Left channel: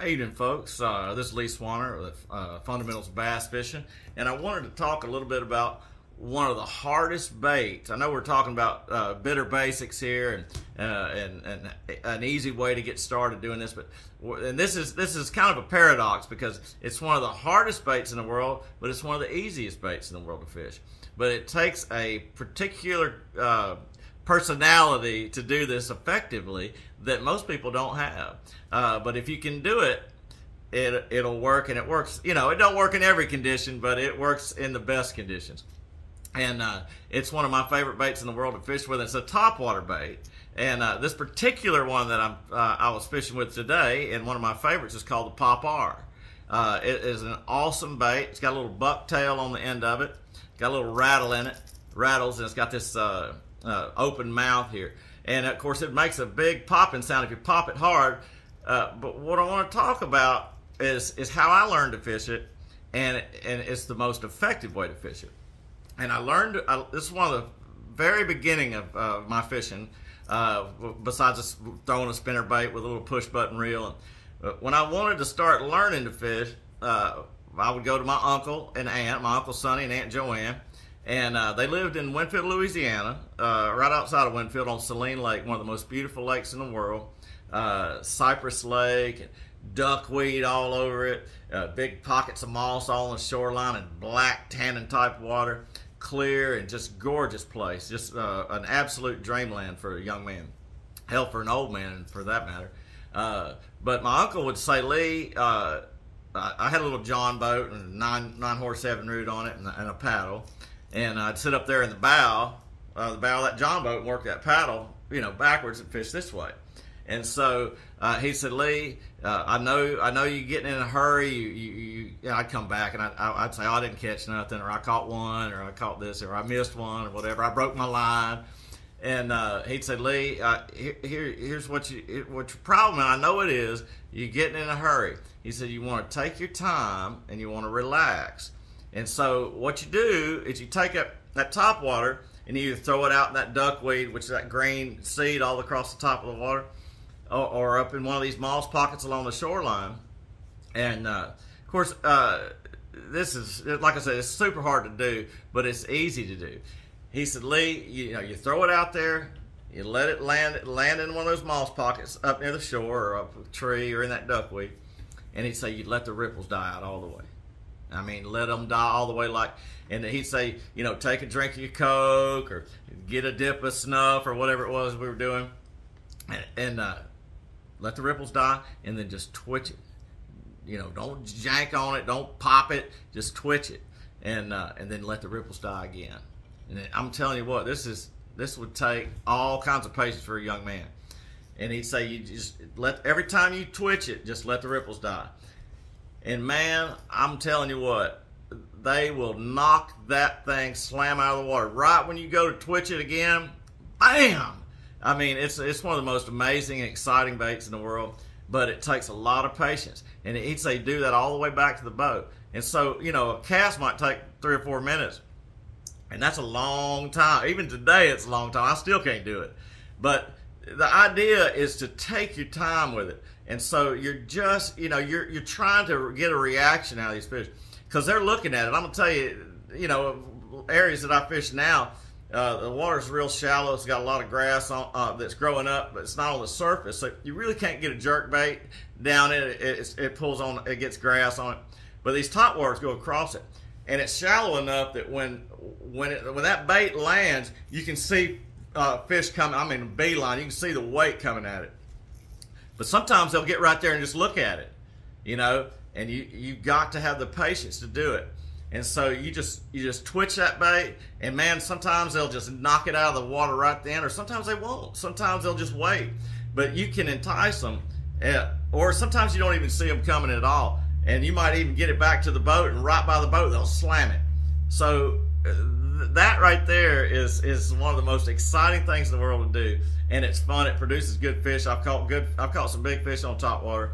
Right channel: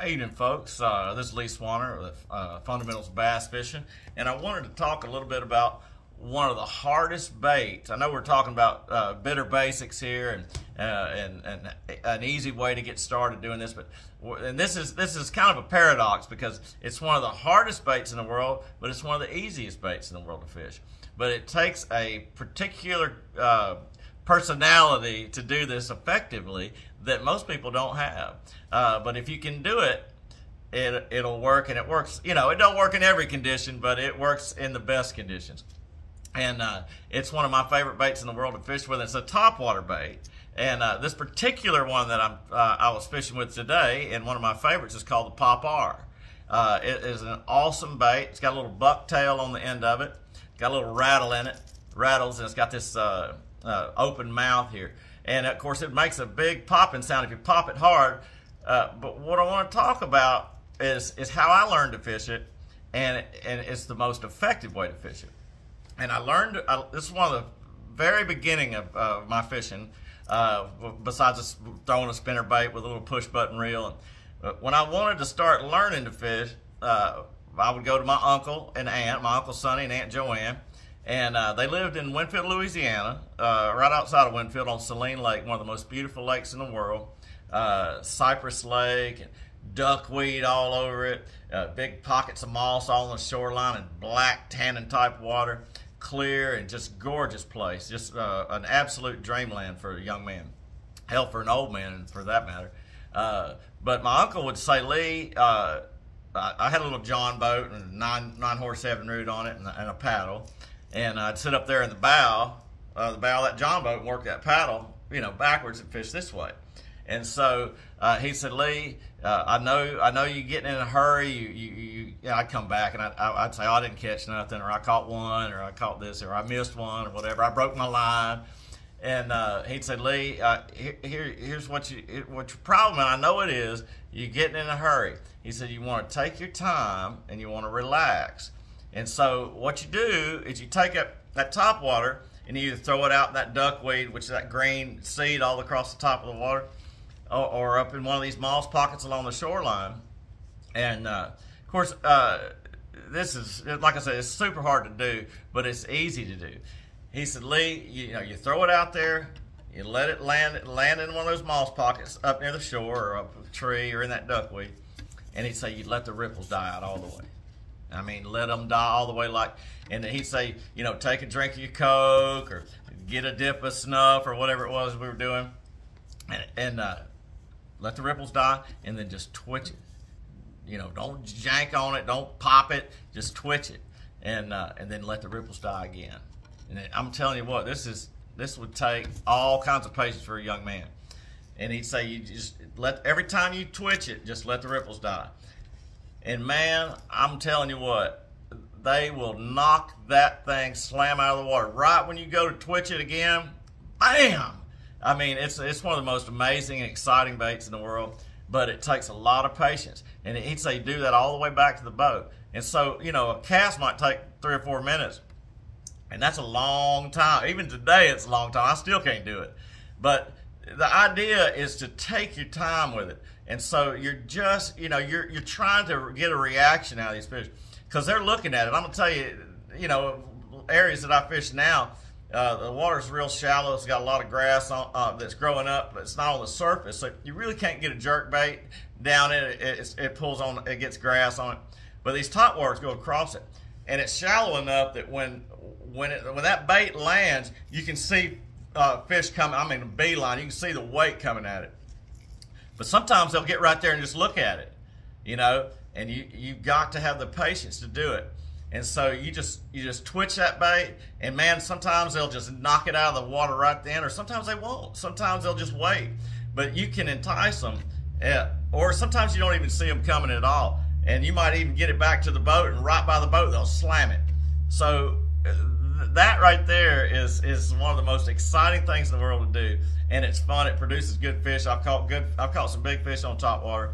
How you doing, folks? This is Lee Swanner with Fundamentals of Bass Fishing, and I wanted to talk a little bit about one of the hardest baits. I know we're talking about bitter basics here and an easy way to get started doing this, but this is kind of a paradox because it's one of the hardest baits in the world, but it's one of the easiest baits in the world to fish. But it takes a particular personality to do this effectively that most people don't have. But if you can do it, it'll work, and it works. You know, it don't work in every condition, but it works in the best conditions. And it's one of my favorite baits in the world to fish with. It's a topwater bait, and this particular one that I was fishing with today, and one of my favorites, is called the Pop R. It is an awesome bait. It's got a little buck tail on the end of it. Got a little rattle in it, rattles, and it's got this open mouth here. And of course, it makes a big popping sound if you pop it hard. But what I want to talk about is how I learned to fish it, and it's the most effective way to fish it. And I learned, this is one of the very beginning of my fishing, besides just throwing a spinner bait with a little push button reel. And when I wanted to start learning to fish, I would go to my uncle and aunt, my Uncle Sonny and Aunt Joanne, and they lived in Winfield, Louisiana, right outside of Winfield on Saline Lake, one of the most beautiful lakes in the world. Cypress Lake, and duckweed all over it, big pockets of moss all on the shoreline, and black tannin type water, clear and just gorgeous place. Just an absolute dreamland for a young man, hell, for an old man for that matter. But my uncle would say, Lee, I had a little John boat and a nine horse 7 root on it and a paddle, and I'd sit up there in the bow of that John boat and work that paddle, you know, backwards and fish this way. And so he said, Lee, I know you getting in a hurry. You I'd come back and I'd say, oh, I didn't catch nothing, or I caught one, or I caught this, or I missed one, or whatever. I broke my line. And he'd say, Lee, here's what your problem, and I know it is, you're getting in a hurry. He said, you want to take your time and you want to relax. And so what you do is you take up that top water and you either throw it out in that duckweed, which is that green seed all across the top of the water, or up in one of these moss pockets along the shoreline. And of course, this is, like I said, it's super hard to do, but it's easy to do. He said, Lee, you throw it out there, you let it land in one of those moss pockets up near the shore or up a tree or in that duckweed. And he'd say, you let the ripples die out all the way. I mean, let them die all the way, like, and he'd say, take a drink of your Coke or get a dip of snuff or whatever it was we were doing, and let the ripples die, and then just twitch it. Don't jank on it, don't pop it, just twitch it, and then let the ripples die again. And I'm telling you what, this would take all kinds of patience for a young man. And he'd say, you just every time you twitch it, just let the ripples die. And man, I'm telling you what, they will knock that thing slam out of the water. Right when you go to twitch it again, bam! I mean, it's one of the most amazing and exciting baits in the world, but it takes a lot of patience. And he'd say, do that all the way back to the boat. And so, a cast might take 3 or 4 minutes. And that's a long time. Even today, it's a long time. I still can't do it. But the idea is to take your time with it. And so you're just, you're trying to get a reaction out of these fish because they're looking at it. I'm going to tell you, areas that I fish now, the water's real shallow. It's got a lot of grass on, that's growing up, but it's not on the surface. So you really can't get a jerk bait down in it. It pulls on, it gets grass on it. But these topwaters go across it. And it's shallow enough that when that bait lands, you can see fish coming. I mean, a beeline. You can see the weight coming at it. But sometimes they'll get right there and just look at it, and you've got to have the patience to do it. And so you just twitch that bait, and man, sometimes they'll just knock it out of the water right then, or sometimes they won't. Sometimes they'll just wait. But you can entice them, or sometimes you don't even see them coming at all. And you might even get it back to the boat, and right by the boat, they'll slam it. So that right there is one of the most exciting things in the world to do. And it's fun. It produces good fish. I've caught some big fish on topwater.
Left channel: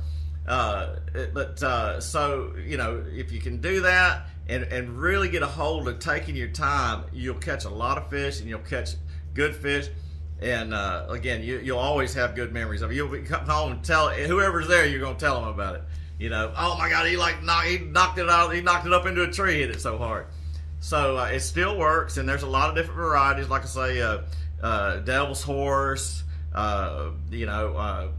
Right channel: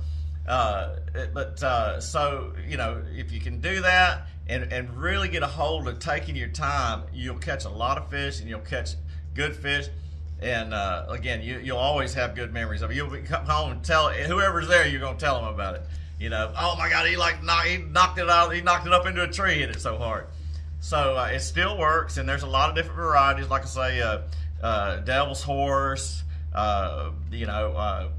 So, if you can do that and really get a hold of taking your time, you'll catch a lot of fish and you'll catch good fish. And again, you'll always have good memories of it. You'll come home and tell whoever's there. You're gonna tell them about it. You know, oh my God, he knocked it out. He knocked it up into a tree. Hit it so hard. So it still works, and there's a lot of different varieties. Like I say, Devil's Horse. You know,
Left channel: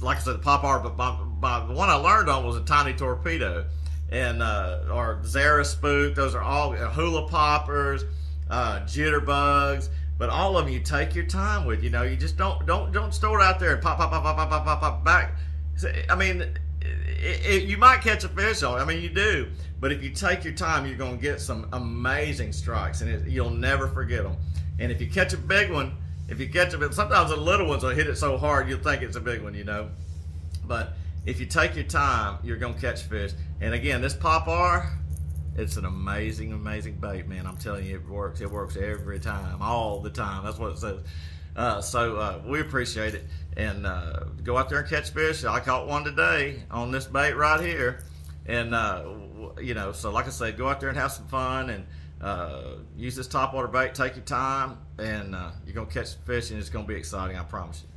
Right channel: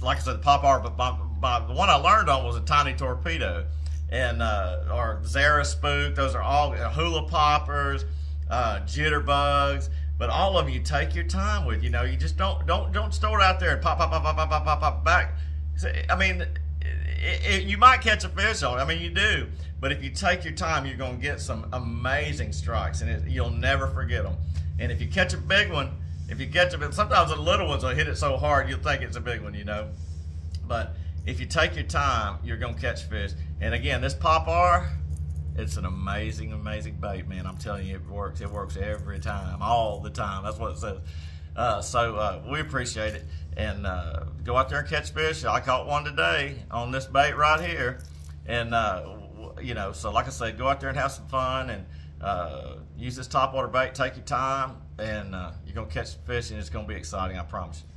like I said, the pop art. But the one I learned on was a Tiny Torpedo, and or Zara Spook. Those are all hula poppers, jitterbugs. But all of them you take your time with. You know, you just don't store it out there and pop back. I mean, you might catch a fish on it. I mean, you do. But if you take your time, you're going to get some amazing strikes, and you'll never forget them. And if you catch a big one, sometimes the little ones will hit it so hard you'll think it's a big one, you know. But if you take your time, you're going to catch fish. And again, this Pop-R, it's an amazing, amazing bait, man. I'm telling you, it works. It works every time, all the time. That's what it says. So we appreciate it. And go out there and catch fish. I caught one today on this bait right here. And, you know, so like I said, go out there and have some fun and use this topwater bait. Take your time, and you're going to catch some fish, and it's going to be exciting, I promise you.